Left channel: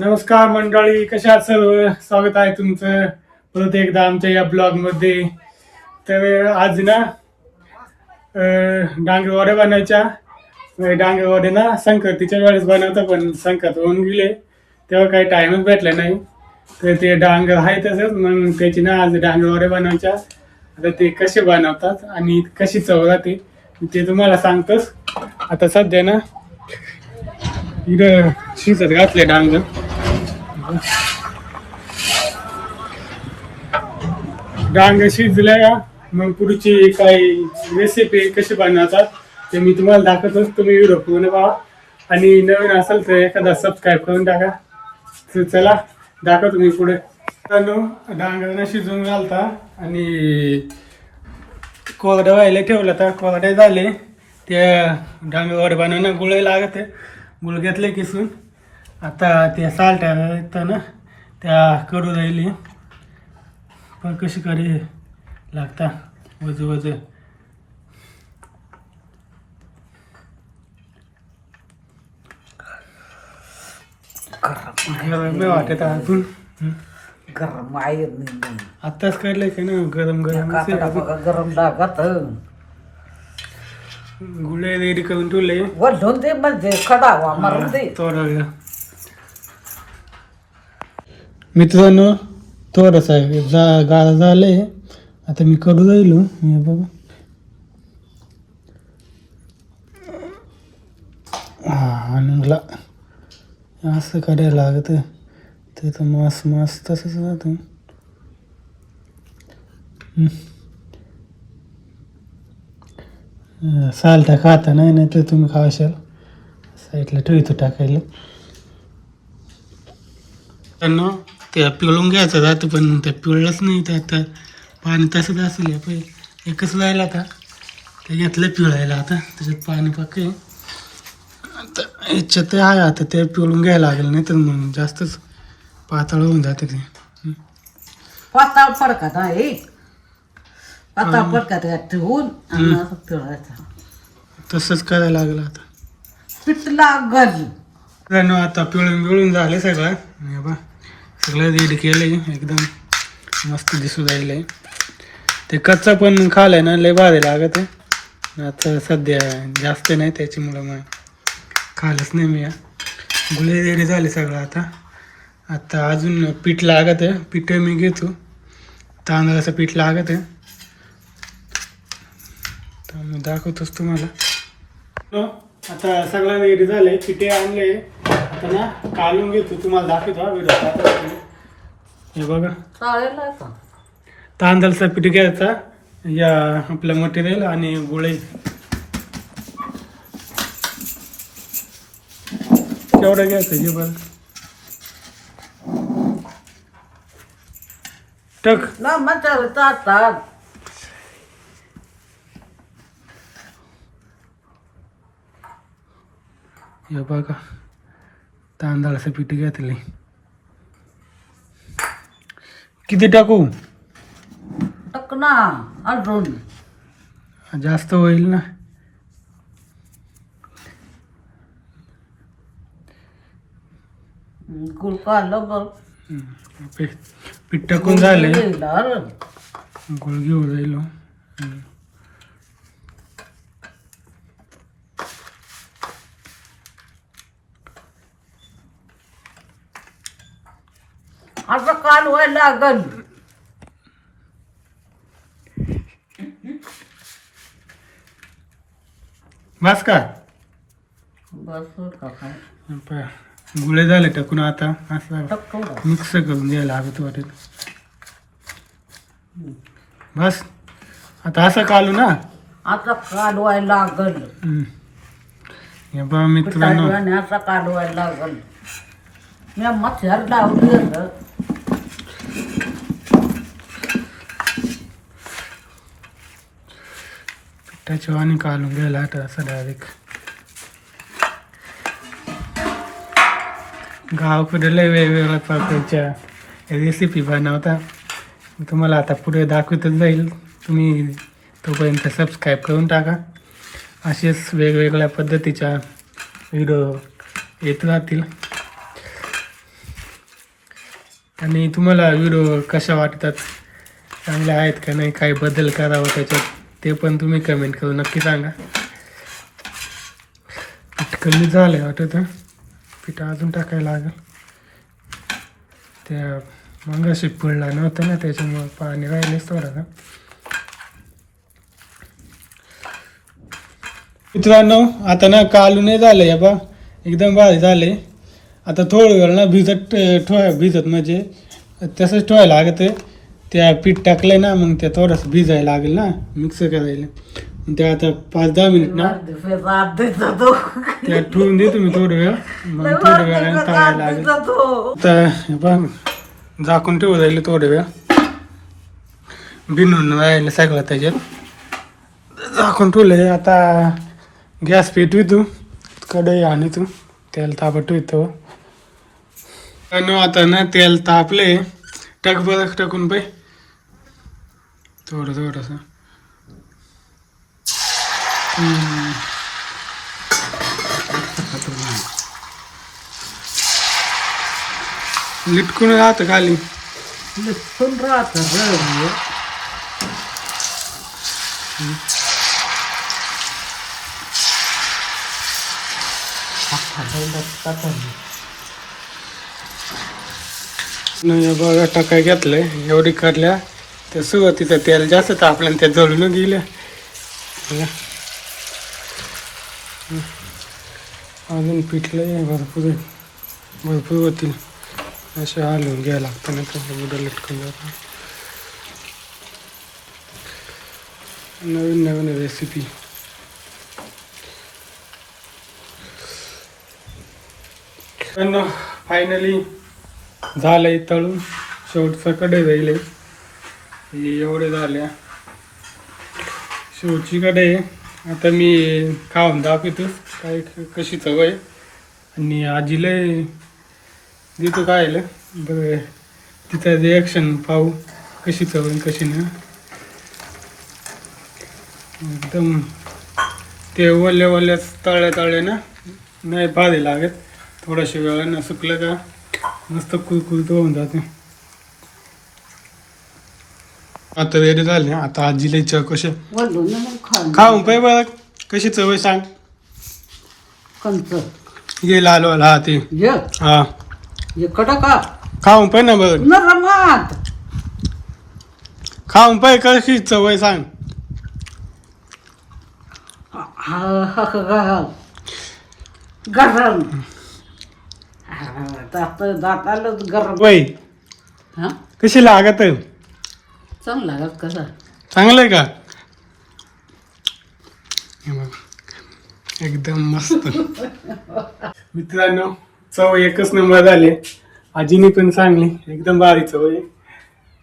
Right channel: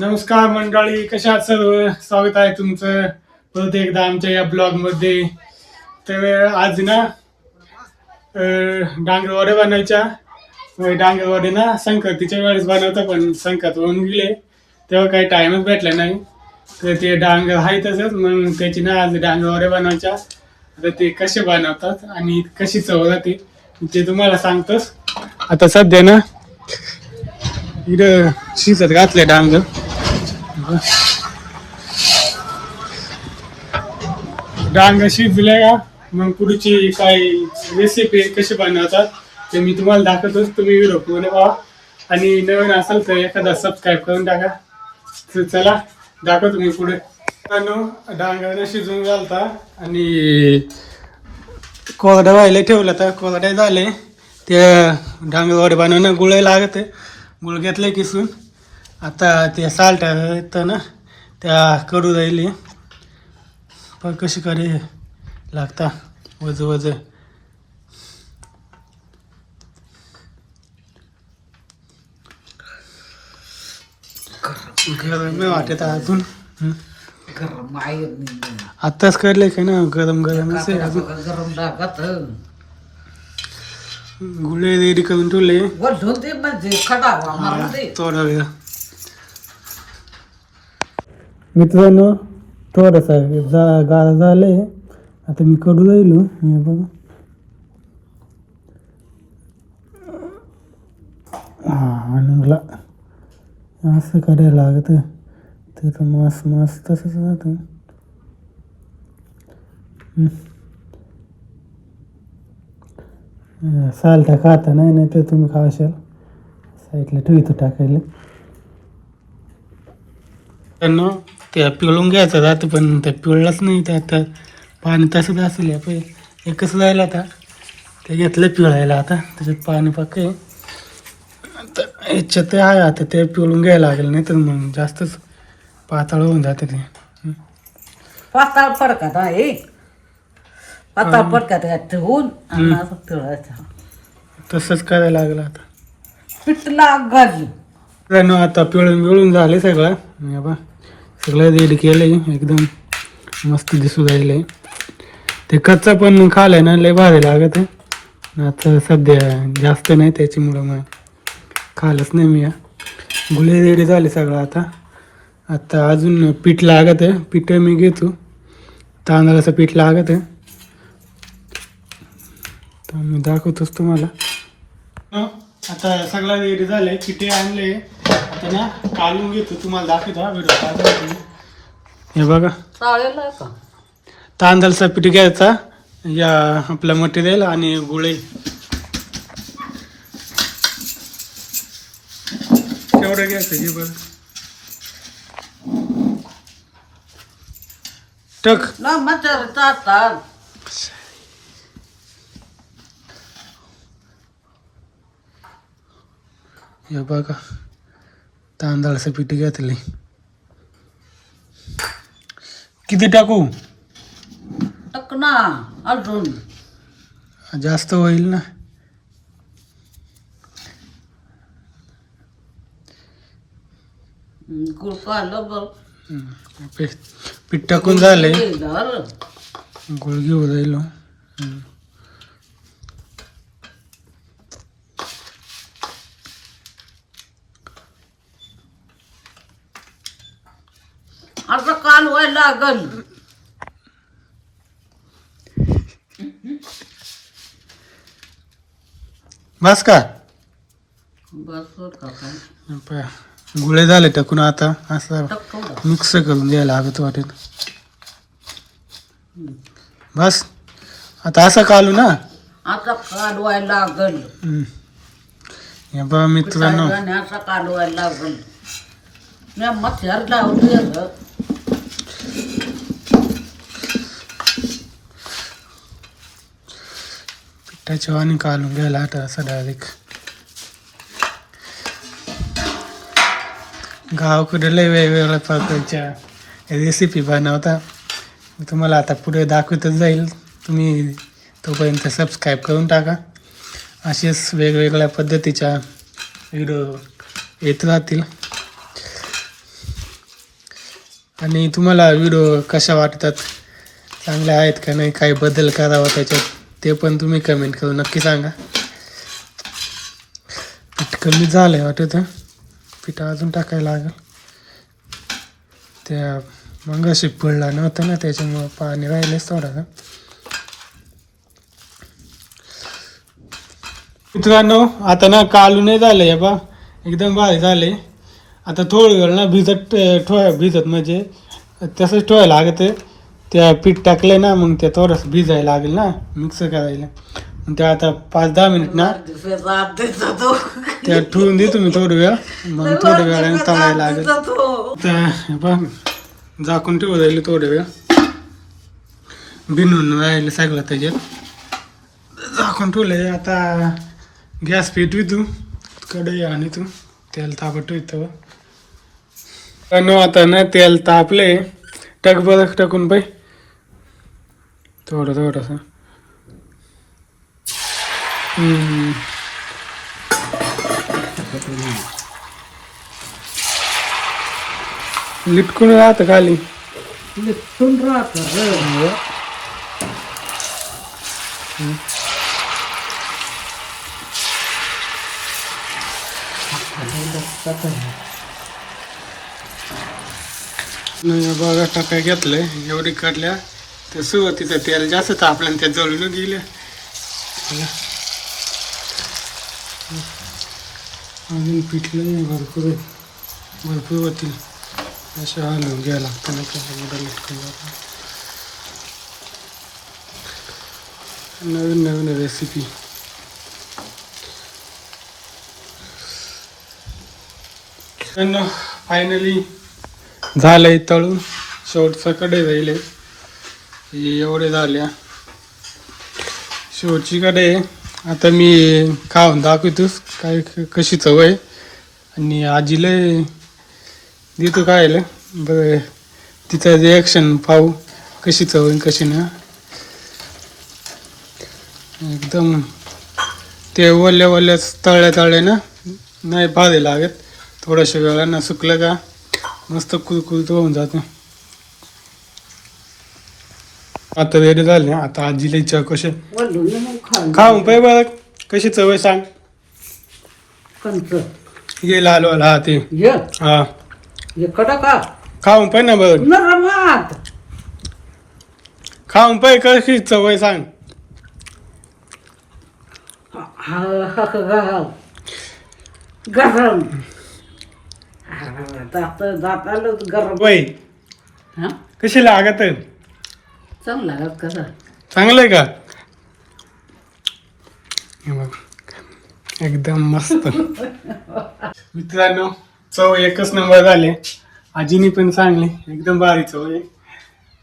नमस्कार मंडळी, कशा आहात सर्व? स्वागत आहे तुमचं परत एकदा आमच्या या ब्लॉगमध्ये. तर आज ना डांगरवड्या बनायच्या. डांगरवडे ना संक्रांतीच्या वेळेस बनवतं, पण संक्रांत होऊन गेले तेव्हा काही टाईमच भेटला नाही. तर ते डांगर आहे तसंच, मग त्याची ना आज डांगरवड्या बनवायच्या. आता ते कसे बनवतात आणि कशी चव राहते ते तुम्हाला सांगतोच. आता सध्या ना इकडं शिजत घातले डांगर. डांगर शिजले का मग पुढची काही रेसिपी कशी बनवतात ते मी तुम्हाला दाखवतोच. तुम्ही व्हिडिओ पूर्ण पहा आणि नवीन असेल तर एखादा सबस्क्राईब करून टाका. तर चला दाखवतो मी पुढे. डांगर शिजवून घालता आणि कोरडा व्हायला ठेवलं तर कोरडे झाले. ते डांगर बनवणं गुळ लागत आहे. गुळ घेतलं किसून. आता ते साल्ट येतं ना त्या कडू राहिली पण कशी करे लागता वज वज. गरम वाटत अजून. गरम आहे आत्ताच करले का ना गरम गरम गरम लागत गुळे रेडी करून ठेवले. वढून ते म्हणजे खडावा मारून दे. थोडा वेळ मित्रांनो थोडासा गाळा झाले. आता मी कडू राहिलो मी बघा. आणि असं करायला लागत तर मास मास तसंच राहतं. सालटा खाता नाही तर तुम्ही खाशाल. साईडला ठेवतो टाकायला. त्यांना ते पिळून घ्यायचं जातं पण ते पिळलंच नाही. त्यात पाणी तसंच असेल. पहिले एकच राहिलं आता ते घेतलं पिळायला. आता त्याच्यात पाणी पाके आता याच्यात आहे. आता ते पिळून घ्यायला लागेल नाही तर मग जास्तच पातळ होऊन जाते ते. पाताळ फडकात आहे. पाताळ फडकात ठेवून पिळायचं. तसंच करायला लागलं आता. पीठ लागल त्यानं आता पिळून झाले सगळं. हे बा सगळं रेडी केलं आहे. एकदम मस्त दिसू राहिलं. ते कच्चा पण खाल्लं ना लय भारी लागत आहे. आता सध्या जास्त नाही त्याच्यामुळं मग खाल्लंच नाही मी. गुळे रेडी झाले सगळं. आता अजून पीठ लागत आहे. पीठ मी घेतो. तांदळाचं पीठ लागत आहे तर मी दाखवतोच तुम्हाला. आता सगळं रेडी झाले. पिठे आणले. आता ना काढून घेतो तुम्हाला दाखवतो व्हिडिओ. हे बघा तांदळाचं पीठ घ्यायचा. या आपलं मटेरियल आणि गुळे केवढं घ्यायचं जे बघ टक ना मच्छर चालतात. हे बघा तांदळाचं पीठ घेतले. किती टाकू? टक ना अजून जास्त होईल ना. गुळ काढलं बरं. पीठ टाकून झाले. गेलं. गुळ घेऊ राहिलो. असं कालवायला लागल. बस का बस का काय गुळे झाले टाकून. आता असं टक थोडं. मिक्स करून घ्यायला लागत वाटेल. बस आता असं कालू ना. आता कालवायला लागल. हे बघा मित्रांनो असा कालवायला लागल. मी मच्छर लावली पिठाच्या वाणी कालून घ्यायला. आता असं डायरेक्ट गावाकडे लय वेगवेगळ्या प्रकारच्या रेसिपी बनवता. मी तुम्हाला आता पुढे दाखवतच जाईल. तुम्ही तोपर्यंत सबस्क्राईब करून टाका. असेच वेगवेगळ्या पद्धतीच्या व्हिडिओ येत राहतील. आणि तुम्हाला व्हिडिओ कशा वाटतात, चांगले आहेत का नाही, काही बदल करावा त्याच्यात ते पण तुम्ही कमेंट करून नक्की सांगा. पीठ कमी झालंय वाटत, पीठ अजून टाकायला लागेल. त्या मगाशी पडला नव्हतं ना त्याच्यामुळं पाणी राहिलेच थोडं. मित्रांनो आता ना कालू नाही झालंय बा, एकदम भारी झाले. आता थोडं वेळ ना भिजत म्हणजे तसंच ठेवायला लागत. त्या पीठ टाकलंय ना मग ते थोडंसं भिजायला लागेल ना मिक्स करायला. मग ते आता 5-10 मिनिट ना त्या ठेवून दे तुम्ही थोडं वेळ, मग थोड्या वेळाने तळायला लागेल. तर बघ झाकून ठेवू राहिलं थोडं वेळ, बिनून राहिलं सगळं त्याच्यात झाकून ठेवलं. आता गॅस पेटवी तू कढई आणि तू तेल तापट होतो. आता ना तेल तापले, टाक बरं टाकून बाई थोडंसं. लिटकून राहतं खाली. बघा टाकाय घेतलंय एवढी काढल्या तर सुरुवातीचं तेल जास्त तापलं त्या जळून गेल्या. अजून पिठलं भरपूर होतील, असे हलवून घ्यायला लागतं ना, कसं मुलं लटकून जातात. नवीन रेसिपी. फायनली झालंय तळून, शेवटचा कढई राहिले एवढे झाल्या, शेवटची कढई. आता मी खाऊन दाखवतोस काय कशी चव आहे, आणि आजीला देतो खायला. बरं तिचं रिॲक्शन पाहू कशी चव आहे कशी नाही. एकदम ते ओल्याच तळल्या ना नाही भारी लागत, थोड्याशा वेळानं सुकलं का मस्त कुरकुरीत होऊन जाते. आता रेडी झाले. आता आजीला विचार कसे खाऊन पाय बघ कशी चव आहे सांग. ये लाल वाला ते हा खाऊन पाय ना बघ, खाऊन पाय कशी चव आहे सांग. कशी लागत चांगलं आहे का. एकदम मस्त. मित्रांनो चव एकच नंबर झाली, आजीने पण सांगली एकदम भारी चव आहे.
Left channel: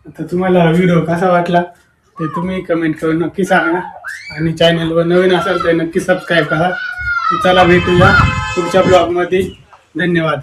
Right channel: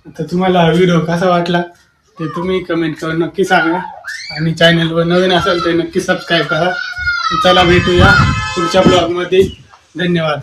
आता तुम्हाला व्हिडिओ कसा वाटला ते तुम्ही कमेंट करून नक्की सांगा, आणि चॅनलवर नवीन असेल तर नक्की सबस्क्राईब करा. चला भेटूया पुढच्या ब्लॉगमध्ये. धन्यवाद.